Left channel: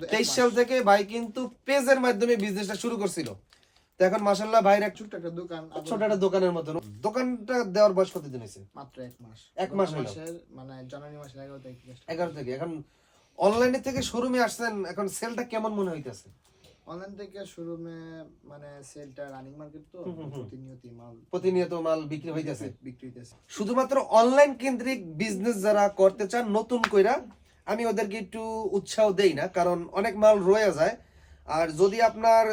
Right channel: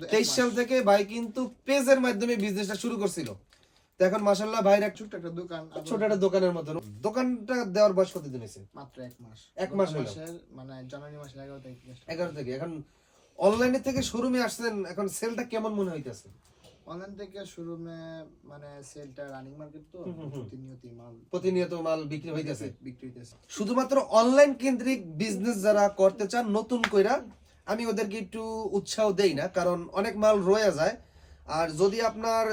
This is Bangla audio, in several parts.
23 সাল থেকে ভাই কিন্তু পেজের মাধ্যমে বিজনেসটা শুরু করছিল। তো এখন মাশাআল্লাহ ভাইয়ের ছোট একটা দোকানের মতো। দোকানটা দেওয়ার বয়স কতদিন হয়েছে? মাত্র 1 মাস। 1 মাস হলো, মানে জানুয়ারি মাসের 11 তারিখ থেকে 11 থেকে। এখন অনলাইনে থেকে শোরুমে আসছেন, এখন সেলটা কেমন মনে হইতেছে? অনলাইন থেকে শোরুমে মানে সেলটা রানিং মার্কেট তো প্রতিনিয়ত মাল বিক্রি হইতেছে। হইতেছে। শুধুমাত্র অনলাইন কেন্দ্রিক বিজনেস যারা করতে চান নতুন কইরা, আমি ওদেরকে একটু উৎসাহ দেই না, কারণ অনেক মাল রয়ে যায়। আর যদি আপনার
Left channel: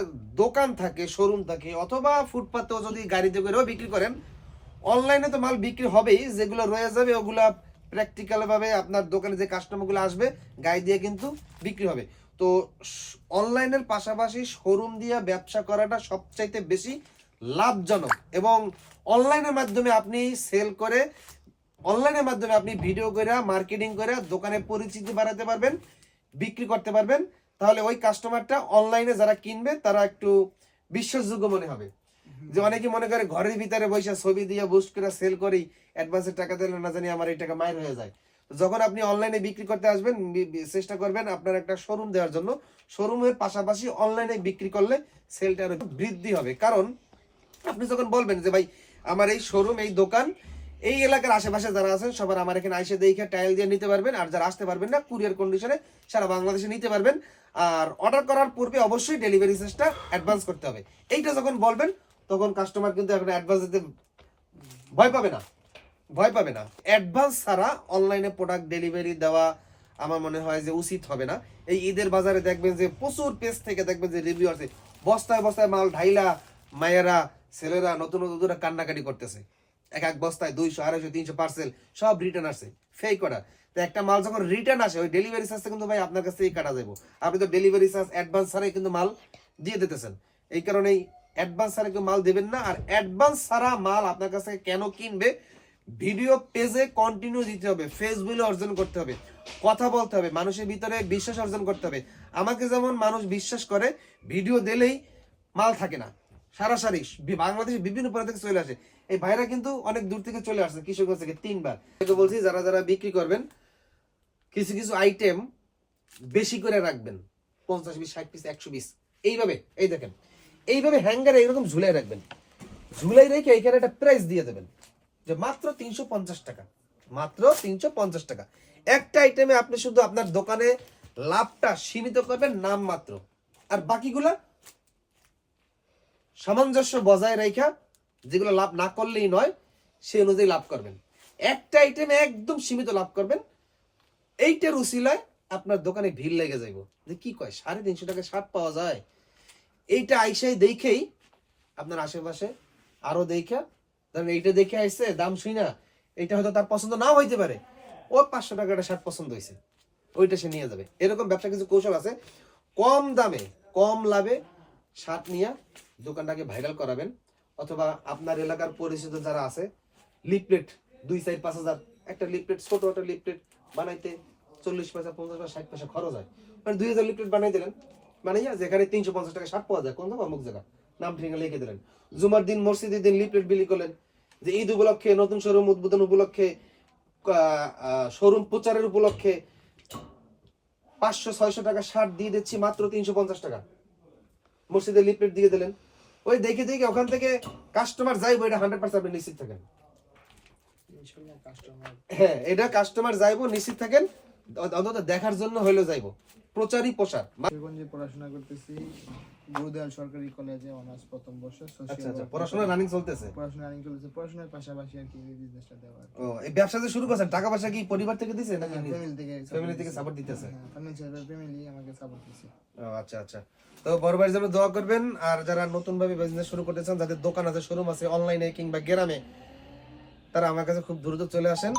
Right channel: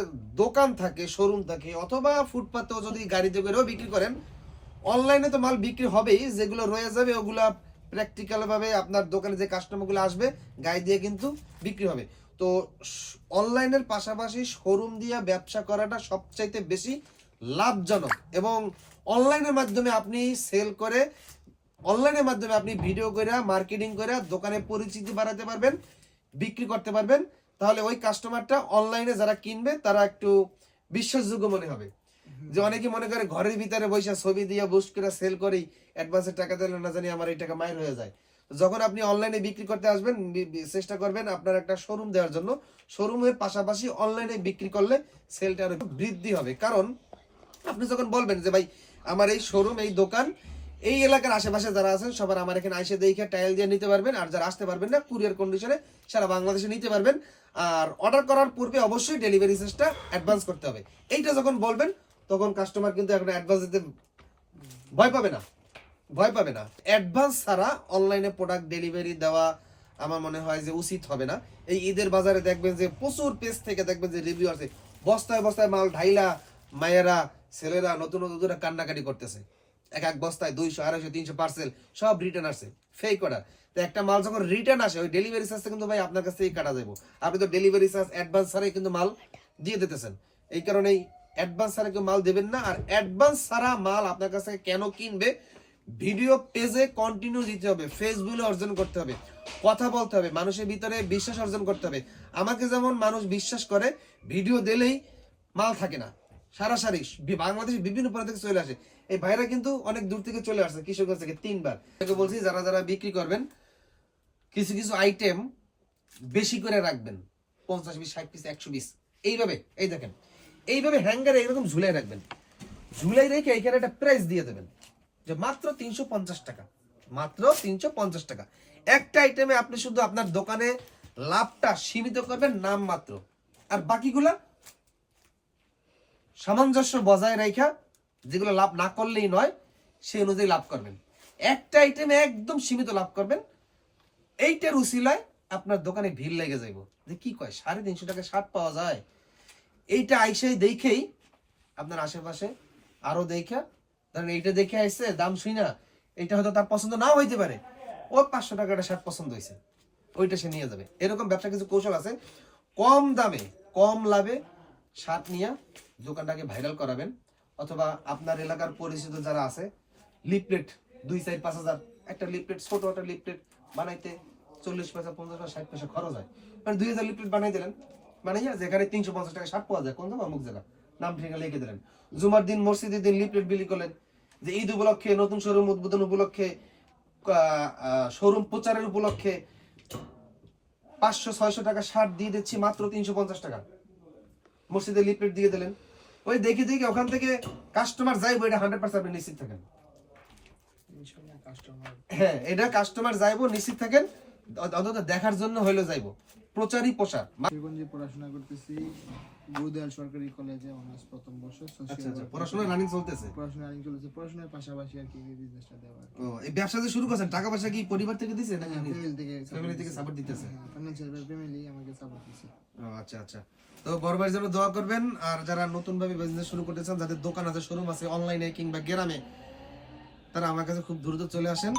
দোকান থাকে, শোরুম থাকে, অথবা ফুটপাতেও যদি গাড়িতে করেও বিক্রি করেন, অনলাইনে তো মাল বিক্রি হবেই। যেগুলো রয়ে যাবে ওগুলা প্র্যাকটিক্যাল ভাবে আপনার দোকানে যে কাস্টমারগুলো আসবে গায়ে দিয়ে কিন্তু বিক্রি হবে। তো অনলাইনের পাশাপাশি শোরুম দিয়ে ব্যবসা করাটা সবচাইতে বেশি লাভজনক, এবং অনলাইনের মাধ্যমে আপনি সেল করে, অনলাইনের মাধ্যমে আপনি ভিডিও করে মার্কেটিং করে দোকানে পরিচিতি বাড়াতে পারবেন, বিক্রি করতে পারবেন। তাহলে ওই কাস্টমারটা অনলাইনে যারা কিনবে তারা একটু বিশ্বাসযোগ্য মনে হবে। যে অনেকে মনে করে ঘরের ভিতরে বসে ছবি দিয়ে বুস্ট করে সেল করেই অ্যাডভান্সের টাকা দিলে না জানি আমার এই টাকা মাইর হয়ে যায়। যখন আপনি অনলাইনে বিক্রি করতে আসবেন, চেষ্টা করবেন আপনার একটা শোরুম দেওয়ার জন্য। শোরুমের পাশাপাশি অনলাইনে বিক্রি করলে সেলটা আরো বৃদ্ধি হবে। কারণ আপনি যখন বলবেন যে ভাই আমার এই শোরুম, এই দোকান, এই এলাকার আশেপাশে যারা আছেন সবার আমার এখানে আইসে দেখে টাইল দিয়ে নিতে পারবেন। আর যারা আসতে পারবেন না, কুরিয়ার কন্ডিশনে সারা বাংলাদেশে নিতে পারবেন। আর অর্ডার করার পূর্বে অবশ্যই ডেলিভারি চার্জটা অ্যাডভান্স করতে হবে। এইটা যখন বলবেন তখন কাস্টমার কিন্তু এখন অ্যাডভান্স দিতে ভয় পাবে না, অ্যাডভান্স ছাড়া অনলাইনে প্রোডাক্ট ডেলিভারি দেওয়া আমার মনে হয় যে উচিত হবে না। এই ঈদের বাজারে দেখবেন যে প্রচুর পেজ থেকে দেখবেন যে রিভিউ আছে, বস্তায় বস্তায় মাল ঢাইলা মায়েরা ছেলেরা নতুন নতুন কান্নাকাটি করতেছে। এক বস্তায় 200, 250, 300 পার্সেল সব রিটার্ন আসে, ফেক অর্ডার। তো একটা মাল যখন রিটার্ন আসে, ওই ডেলিভারি চার্জটা কিন্তু ভাই আপনার কাছ থেকে কাটা যাবো। আপনি তো ডেলিভারি চার্জ অ্যাডভান্স ছাড়াই কিন্তু মাল দিয়ে দিতেছেন। এই কারণেই অ্যাডভান্স ছাড়া কেউ মাল দেবেন না। আর অ্যাডভান্স ছাড়া মাল আপনার কাছ থেকে কেন কিনবে? ভিডিও পেজে কন্টিনিউ দিতে হবে, ফেসবুকে অর্জন করতে হবে, কথা বলতে হবে, মানুষের ভিতরে বিশ্বাস অর্জন করতে হবে। আমাকে যেমন মানুষ বিশ্বাস করে, ভিডিও দিলেই মাল থাকে না, সারাসারি বাংলাদেশের বিভিন্ন প্রান্ত থেকে চলে আসে। এই ভাইরা কিন্তু অনেক দূর থেকে চলে আসছে, কিশোরগঞ্জ থেকে 3 বার। বলছি যারা যারা বিক্রি করবেন, কিছু কিছু আইটেম বেশি করে রাখবেন, 50 পিস, 60 পিস, 100 পিস, এইভাবে। এই দেখেন, এইভাবে হ্যাঙ্গারে এইরকম ঝুলাই রাখবেন। ঝুলাই রেখে এখানে একটা প্রাইস দিয়ে দেবেন যে মাত্র 350 টাকা, মাত্র 350 টাকা। একটা আইটেমে আপনি শুধু আপনার দোকানে লাভটা সীমিত করবেন নাম মাত্র, আর বাকিগুলা সামঞ্জস্য বজায় রাখা, যেগুলো লাভ না করলেই নয় সেই অনুযায়ী লাভ করবেন। একটা আইটেমে একদম সীমিত লাভ করবেন। এইটার উসিলায় আপনার দোকানে ভিড় লেগে যাইব যে কি কয় 350 টাকা শার্ট পাওয়া যায়। এইটা আইসাই দেখেই আপনার আশেপাশে আরো দেখা, ধরেন এইটা দেখে আইসে দাম শুই না, এইটা হয়তো তার পছন্দ নাও হইতে পারে, ও 500 টাকাটা শার্ট পছন্দ হয়েছে, ওইটা সে নিয়ে যাবে। এরকম ব্যবসা কিছু কৌশল আছে। কম দামে কম লাভে শার্ট নিয়ে দোকানটাকে ভাইরাল করাবেন। অথবা আপনার এলাকার পরিচিত যারা আছে, লিফলেট 2-4-5 হাজার, একটা লিফলেট, ছোট একটা লিফলেট বানাইতে 40 পয়সা, 50 পয়সা, 60 পয়সা খরচ হয়। মানে 2000 লিফলেট বানাই দিলেন, বানাইয়া যেখানে 350 টাকা শার্ট পাওয়া যায়, কোন জায়গা, অমুক জায়গা, নাম ঠিকানা লিখে দিলেন। জুমার দিন মসজিদের দিন লিফলেট বিলি করলেন যে ঈদ উপলক্ষে, নতুন শোরুম উদ্বোধন উপলক্ষে, শোরুম প্রচারের উপলক্ষে 500-600 টাকা শার্ট দিয়ে দিচ্ছি মাত্র 350 টাকা, মসজিদে লিফলেট দিয়ে দিলেন। ওই দেখে দেখে ওখান থেকে কাস্টমার যাইবো, এটা 100% আপনি নিশ্চিত থাকেন। হ্যাঁ, এটা কাস্টমার যাইবো, নিশ্চিত থাকেন। অন্তত দেখার জন্য হইলো যাইবো, প্রচারই প্রসার। পড়াশোনা করতেছি গুরুদয়াল সরকারি কলেজে, অনার্স প্রথম বর্ষ। আচ্ছা, পড়াশোনা রানিং চলতেছে? পড়াশোনার পাশাপাশি আর কি এই বিজনেসটা দেওয়া। ও, এই ব্যবসা যে শুরু করছেন, টাকা পয়সা কি পরিবার থেকে দিছে নাকি ফ্যামিলি থেকে সাপোর্ট দিতেছে? ফ্যামিলি আমাকে সাপোর্ট দিছে। ও আচ্ছা। তো বড় ভাইয়ের জন্য দোয়া করবেন। আর যারা নতুন ভাবে বিজনেস শুরু করতেছেন, যাদের দোকান আছে, শোরুম আছে অনলাইনে কিংবা গ্রামে, তারা আমার কাছে খুব দ্রুত চলে আসেন।